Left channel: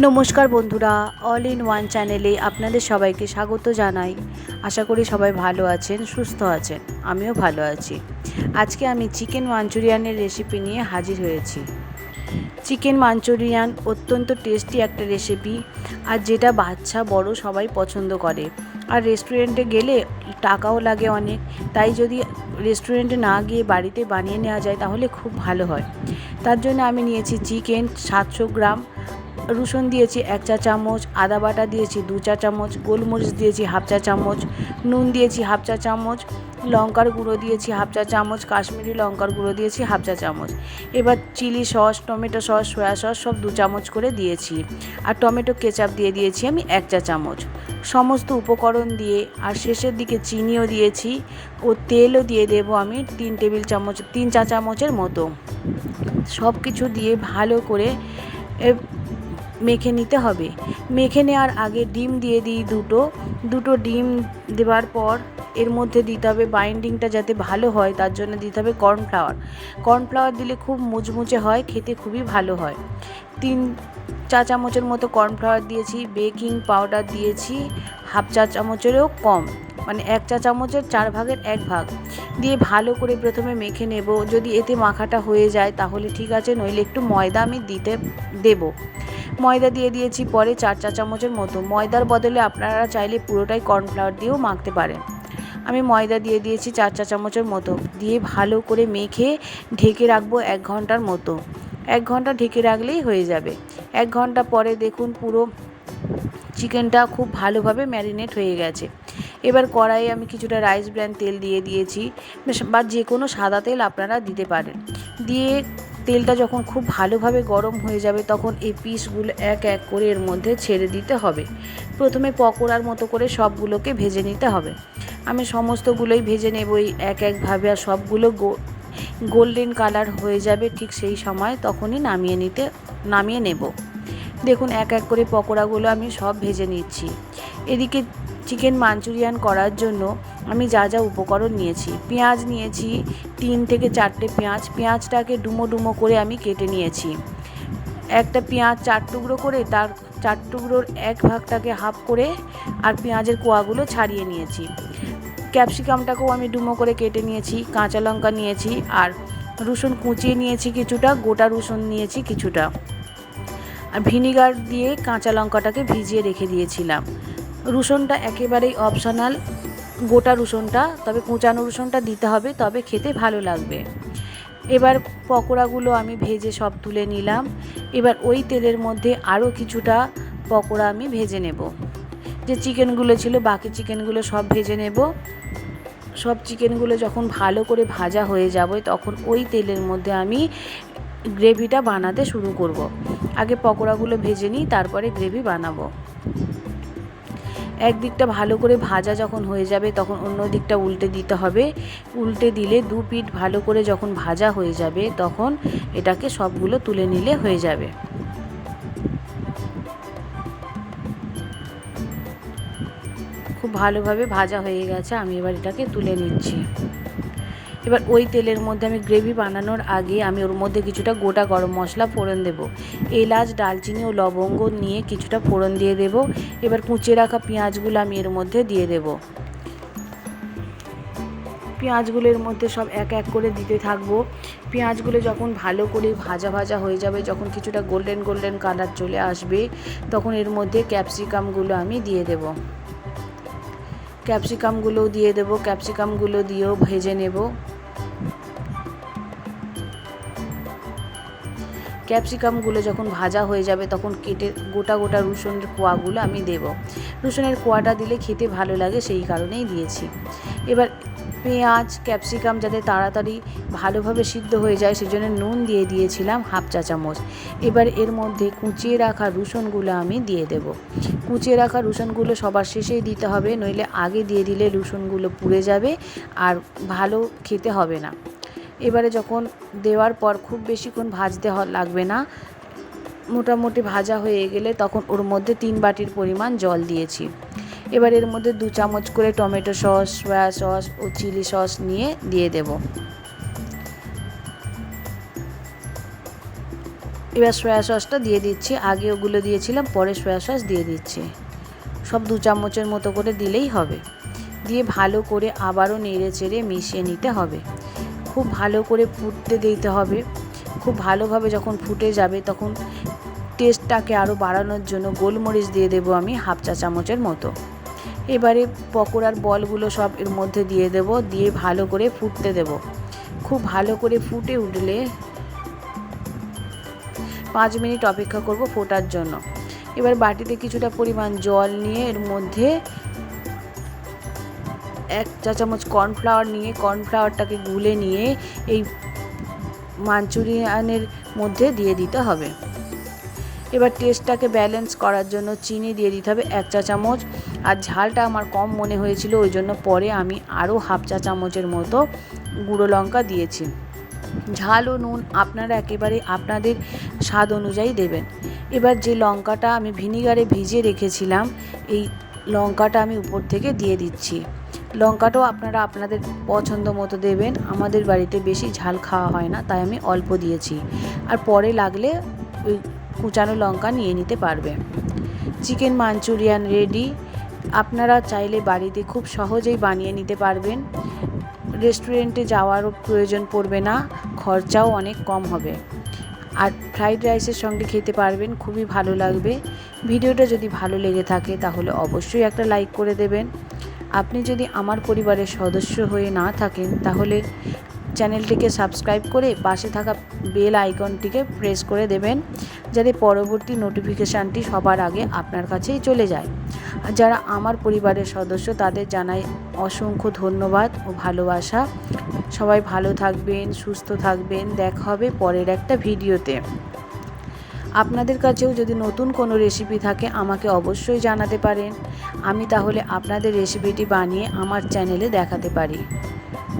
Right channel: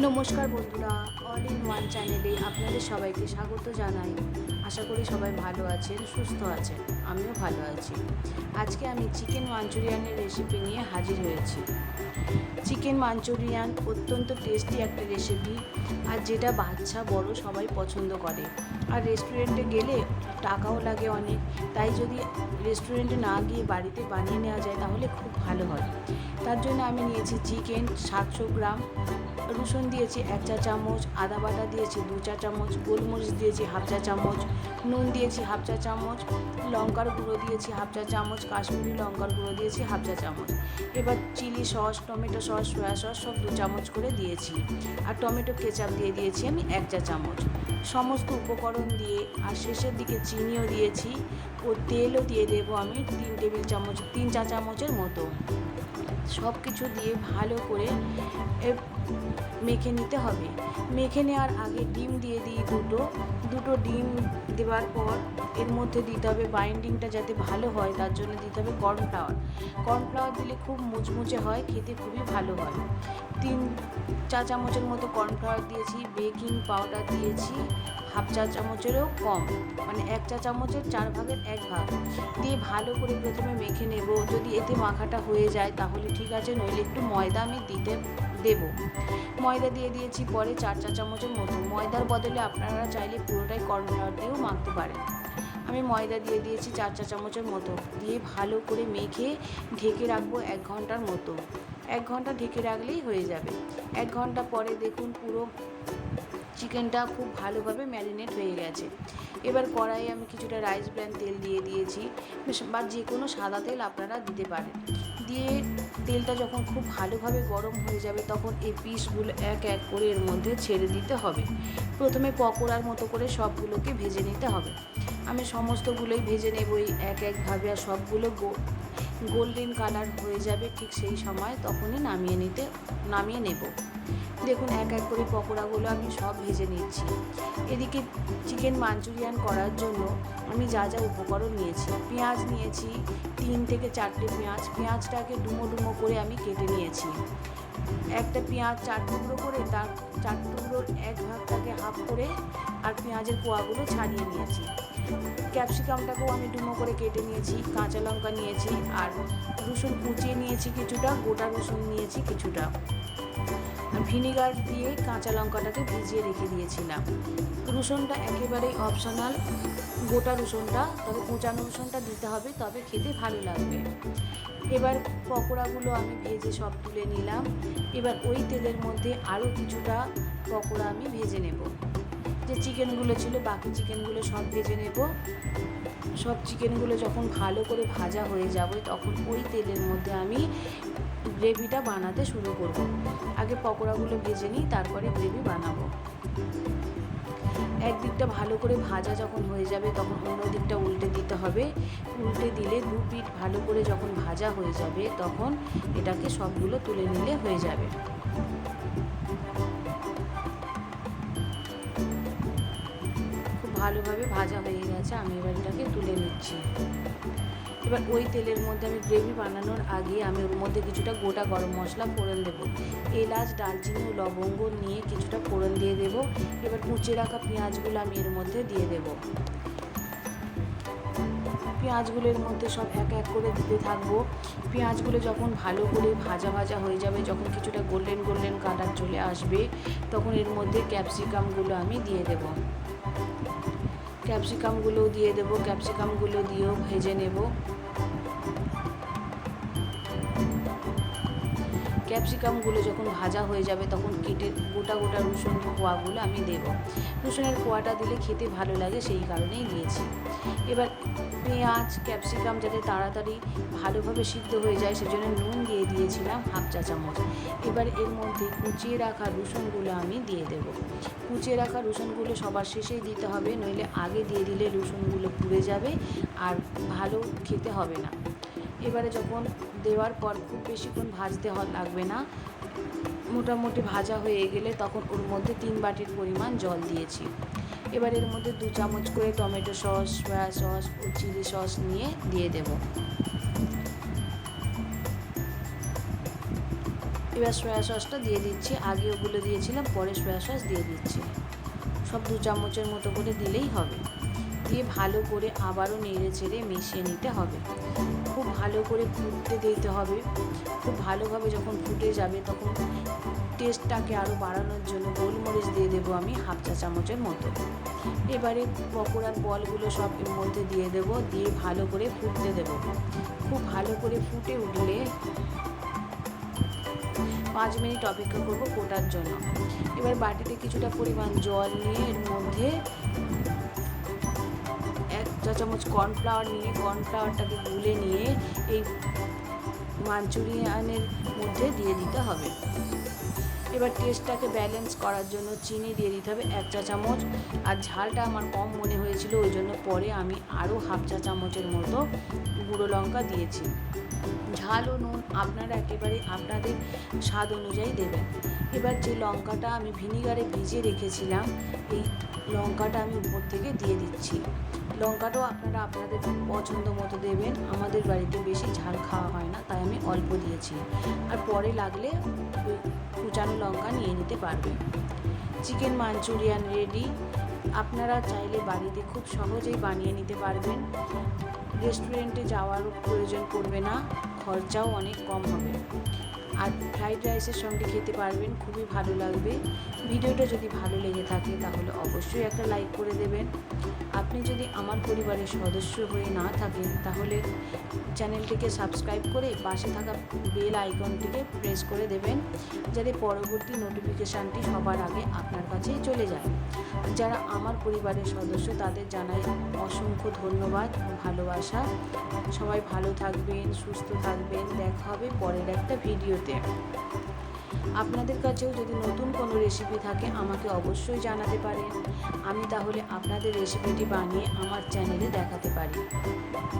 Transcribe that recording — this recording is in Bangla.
নমস্কার বন্ধুরা অল ইন ওয়ান চ্যানেলে আপনাদের সবাইকে স্বাগত জানাই। আশা করি সবাই ভালো আছেন, সুস্থ আছেন, আমিও ভালো আছি। আজকে আমি চিকেন মাঞ্চুরিয়ানের রেসিপি নিয়ে হাজির হয়েছি। চিকেন মাঞ্চুরিয়ান অত্যন্ত টেস্টি একটা রেসিপি আর যেটা বাচ্চা, বড় সবাই পছন্দ করে। আর রেস্টুরেন্টে গেলে টাকাও লাগে অনেক, তাই যদি রেস্টুরেন্টে না গিয়ে বাড়িতে বানিয়ে নেওয়া যায়, তাহলে খুব ভালো হয়। তার জন্য আমি নিয়েছি চিকেন সাতশো গ্রাম রসুন দিয়েছি এক চা চামচ, আদা বাটা দিয়েছি দু চা চামচ, গোলমরিচ দিয়েছি হাফ চা চামচ, নুন দিয়েছি হাফ চা চামচ, লঙ্কার গুঁড়ো দিয়েছি হাফ চা চামচ, কাশ্মীরি লঙ্কার গুঁড়ো দিয়েছি হাফ চা চামচ। এবার chilli sauce, tomato sauce, soya sauce সব দু চামচ করে দিয়েছি। আর টমেটো কেচাপ দিয়ে দিয়েছি আমি এক চা চামচ। সমস্ত উপকরণ দিয়ে আর শেষের দিকে চিনিও দিয়েছি ও তেলও দিয়ে দেবো আমি তিন টেবিল চামচ, তিন চা চামচের মতো। সব কিছু দিয়ে ভালো করে মেখে নিতে হবে। মেখে নেওয়ার আগে ডিম দিয়ে দিই দুটো। দুটো ডিম দেওয়ার পর এর মধ্যে দিতে হবে বাইন্ডিংটা যাতে ভালো হয়, তার জন্য দিতে হবে কর্নফ্লাওয়ার কর্নফ্লাওয়ার দিলে খুব মুচমুচে হয়, খেতে খুবই ভালো হয়। তিন চা চামচের মতো কর্নফ্লাওয়ার দিয়েছি বেকিং পাউডার দিয়েছি, হাফ চা চামচেরও কম মানে এক চা চামচের চার ভাগের এক ভাগ। দিয়ে ভালো করে প্রথমে মেখে নেব। যদি এতে মাখাটা হয়ে যায় তাহলে ঠিক আছে, নইলে একটু ময়দা আমি দিতে দেবো। ময়দা দিয়ে দিয়েছি, পরে চার চা চামচের মতো। ময়দার বদলে আপনারা চাইলে পুরোটাই কর্নফ্লাওয়ার দিয়েও মাখতে পারেন। আমি ময়দা দিয়ে দিয়েছি চার চা চামচের মতো। দিয়ে ভালো করে মেখে ঢেকে রাখব এক ঘণ্টার মতো। এক ঘণ্টা ঢেকে রাখলেই হয়ে যাবে। এক ঘণ্টা পরে দেখুন পুরো চিকেনটা খুব ভালোভাবে ম্যারিনেট হয়ে গেছে। এবার কড়াইয়ে আমি কিছুটা রাইস ব্র্যান্ড তেল দিয়ে দিয়েছি। বা যে কোনো সাদা তেল আপনারা দিতে পারেন। দিয়ে তেলটা যখন খুব ভালোভাবে গরম হয়ে যাবে, তখন এই পিসগুলো এক এক করে এর মধ্যে ছেড়ে দিতে হবে। প্রথমে পকোড়ার মতো করে সবগুলোকে ভেজে নিতে হবে। আমি সমস্তগুলোই ভেজে নেব, এই এক একভাবে, আর সবগুলো গোল্ডেন কালার হয়ে যাবে ঠিক সেই সময়, তখনই নামিয়ে নিতে, নামিয়ে নেব। দেখুন, এক এক করে পকোড়াগুলো আমি সব ভেজে নিচ্ছি। এদিকে চিকেন মাঞ্চুরিয়ান করার জন্য আমি যা যা উপকরণ নিয়েছি, পেঁয়াজ নিয়েছি, তিন থেকে চারটে পেঁয়াজ, পেঁয়াজটাকে ডুমো ডুমো করে আমি কেটে নিয়েছি। একটা পেঁয়াজ চার টুকরো করে তার চার টুকরোর এক ভাগটাকে হাফ করে আর পেঁয়াজের কোয়াগুলো ছাড়িয়ে নিয়েছি। ক্যাপসিকামটাকেও আমি ডুমো করে কেটে নিয়েছি, কাঁচা লঙ্কা নিয়েছি আর রসুন কুচিয়ে নিয়েছি কিছুটা, গোটা রসুন নিয়েছি কিছুটা। আর ভিনিগার দিয়ে কাঁচা লঙ্কাটাকে ভিজিয়ে রেখে দিয়েছিলাম। রসুনটা একেবারেই অপশনাল গোটা রসুনটা, তবে কুচানো রসুনটা দিতে হবে, তবে খেতে ভালো লাগবে। এবার পকোড়াগুলো আমি ভেজে সব তুলে নিলাম। এবার ওই তেলের মধ্যে আরও কিছুটা পকোড়া আমি ভেজে নেব। যে চিকেনগুলো ছিল, বাকি চিকেনগুলো সব ভেজে নেব। সব চিকেনগুলো যখন ভালো করে ভাজা হয়ে যাবে, তখন ওই তেলের মধ্যে আমি গ্রেভিটা বানাতে শুরু করব। আগে পকোড়াগুলো ভেজে নিই, তারপরে গ্রেভি বানাবো। একদিকটা ভালো করে ভাজা যখন হয়ে যাবে তখন অন্য দিকটা উল্টে দিতে হবে। উল্টে দিলে দু পিঠ ভালো করে যখন ভাজা হয়ে যাবে তখন এটাকে সবগুলো তুলে নিলে হয়ে যাবে। খুব ভালোভাবে ভাজা হয়ে গেছে, আমি এবার এটাকে তুলে নিচ্ছি। এবার ওই তেলের মধ্যে আমি গ্রেভি বানানোর আগে আমি ওর মধ্যে কিছুটা গোটা গরম মশলা ফোড়ন দেব। এলাচ, ডালচিনি ও লবঙ্গ নিয়ে কিছুটা ফোড়ন দিয়ে দেব। এবার কুচিয়ে রাখা পেঁয়াজগুলো আমি এর মধ্যে দিয়ে দেব। পেঁয়াজগুলোর মধ্যে সব এক এক করে দিতে থাকব। পেঁয়াজগুলো যখন ভালো করে ভাজা ভাজা হয়ে যাবে, যখন কিছুটা গোল্ডেন গোল্ডেন কালার চলে আসবে, তখন এর মধ্যে ক্যাপসিকামগুলো আমি দিয়ে দেবো। ক্যাপসিকামগুলো দিয়ে দেবো ক্যাপসিকামগুলো দিয়েও ভেজে নেব। ক্যাপসিকামগুলো যখন ভাজা হয়ে যাবে তখন কেটে গোটা গোটা রসুনের কোয়াগুলো আমি দেব। রসুনের কোয়াটা দিলে খেতে ভালো লাগে, সেই কারণেই দিয়েছি। এবার পেঁয়াজ, ক্যাপসিকাম যাতে তাড়াতাড়ি ভালোভাবে সিদ্ধ হয়ে যায়, সেজন্য নুন দিয়ে দিয়েছিলাম হাফ চা চামচ। এবার এর মধ্যে কুচিয়ে রাখা রসুনগুলো আমি দিয়ে দেব। কুচিয়ে রাখা রসুনগুলো সবার শেষেই দিতে হবে, নইলে আগে দিয়ে দিলে রসুনগুলো পুড়ে যাবে আর ভালো খেতে হবে না। এবারে যখন দেওয়ার পর খুব বেশিক্ষণ ভাজতে লাগবে না, মোটামুটি ভাজা হয়ে গেলে তখন ওর মধ্যে তিন বাটির পরিমাণ জল দিয়েছি। এবার এর মধ্যে দু চামচ করে টমেটো সস, সয়া সস ও চিলি সস নিয়ে দিয়ে দেব। এবার সয়া সসটা দিয়ে দিচ্ছি। আগে ওগুলো দিয়েছিলাম, পরে সয়া সস দিয়ে দিচ্ছি। সব দু চামচের মতো করে দিলেই হবে। দিয়ে ভালো করে আবারও নেড়ে চেড়ে মিশিয়ে নিতে হবে। খুব ভালো করে ফুটতে দিতে হবে। খুব ভালোভাবে যখন ফুটে যাবে তখন টেস্টটাকে আরও বাড়ানোর জন্য গোলমরিচ দিয়ে দেবো আমি হাফ চা চামচের মতো। এবারে পকোড়ার বলগুলো সব এর মধ্যে দিয়ে দেব, দিয়ে ভালো করে ফুটতে দেব। খুব ভালো করে ফুটে উঠলে পাঁচ মিনিট অপেক্ষা করব ফোটার জন্য। এবার বাটিতে কিছুটা পরিমাণ জল নিয়ে এর মধ্যে এক চা চামচ কর্নফ্লাওয়ার নিয়ে কর্নফ্লাওয়ারটাকে গুলে নিয়ে এই মাঞ্চুরিয়ানের মধ্যে দিয়ে দিতে হবে। এবার টেস্টটাকে ব্যালেন্স করার জন্য চিনি দিয়ে দিতে হবে এক চা চামচ আর ঝালটা আমার কম মনে হয়েছিল, ওই জন্য পরে আমি আরও হাফ চা চামচের মতো গুঁড়ো লঙ্কা দিয়েছি। ঝাল ও নুন আপনারা একেবারে আপনাদের স্বাদ অনুযায়ী দেবেন। এবার যে লঙ্কাটা আমি ভিনিগারে ভিজিয়ে রেখেছিলাম, এই লঙ্কাটা আমি উপর থেকে দিয়ে দিচ্ছি। লঙ্কাটাও আপনারা আপনাদের পছন্দ মতো দেবেন। আমাদের বাড়িতে বেশি ঝাল খাওয়া হয় না, তাই আমি অল্প দিয়েছি। আর পরে লাগলে ওই কুচানো লঙ্কা নিয়ে নিতে পারবে চিকেন মাঞ্চুরিয়ান রেডি। আপনারা চাইলে বাড়িতে খুব সহজেই বানিয়ে নিতে পারবেন। রেস্টুরেন্টে যাওয়ারও প্রয়োজন পড়বে না, খরচাও অনেক কম হবে। আর ফ্রাইড রাইসের সঙ্গে খেতে পারবেন, খুবই ভালো লাগবে। ভিডিওটা যদি ভালো লেগে থাকে তাহলে অবশ্যই একটা লাইক করে দেবেন। আপনি যদি আমার পরিবারের সদস্য হয়ে না থাকেন তাহলে চ্যানেলটিকে সাবস্ক্রাইব করে পাশে থাকা বেল আইকনটিকে প্রেস করে দেবেন, যাতে পরবর্তী নোটিফিকেশানটি সবার আগে আপনার কাছেই চলে যায়। যারা আমার পরিবারের সদস্য, তাদের জানাই অসংখ্য ধন্যবাদ ও ভালোবাসা। সবাই ভালো থাকবেন, সুস্থ থাকবেন। দেখা হবে পরের একটা ভিডিওতে। আপনাদের কাছেও যদি নতুন কোনো রেসিপি থাকে, আমাকে অবশ্যই জানাতে পারেন। আমি তাহলে আপনাদের রেসিপিটি বানিয়ে আমার চ্যানেলে দেখাতে পারি।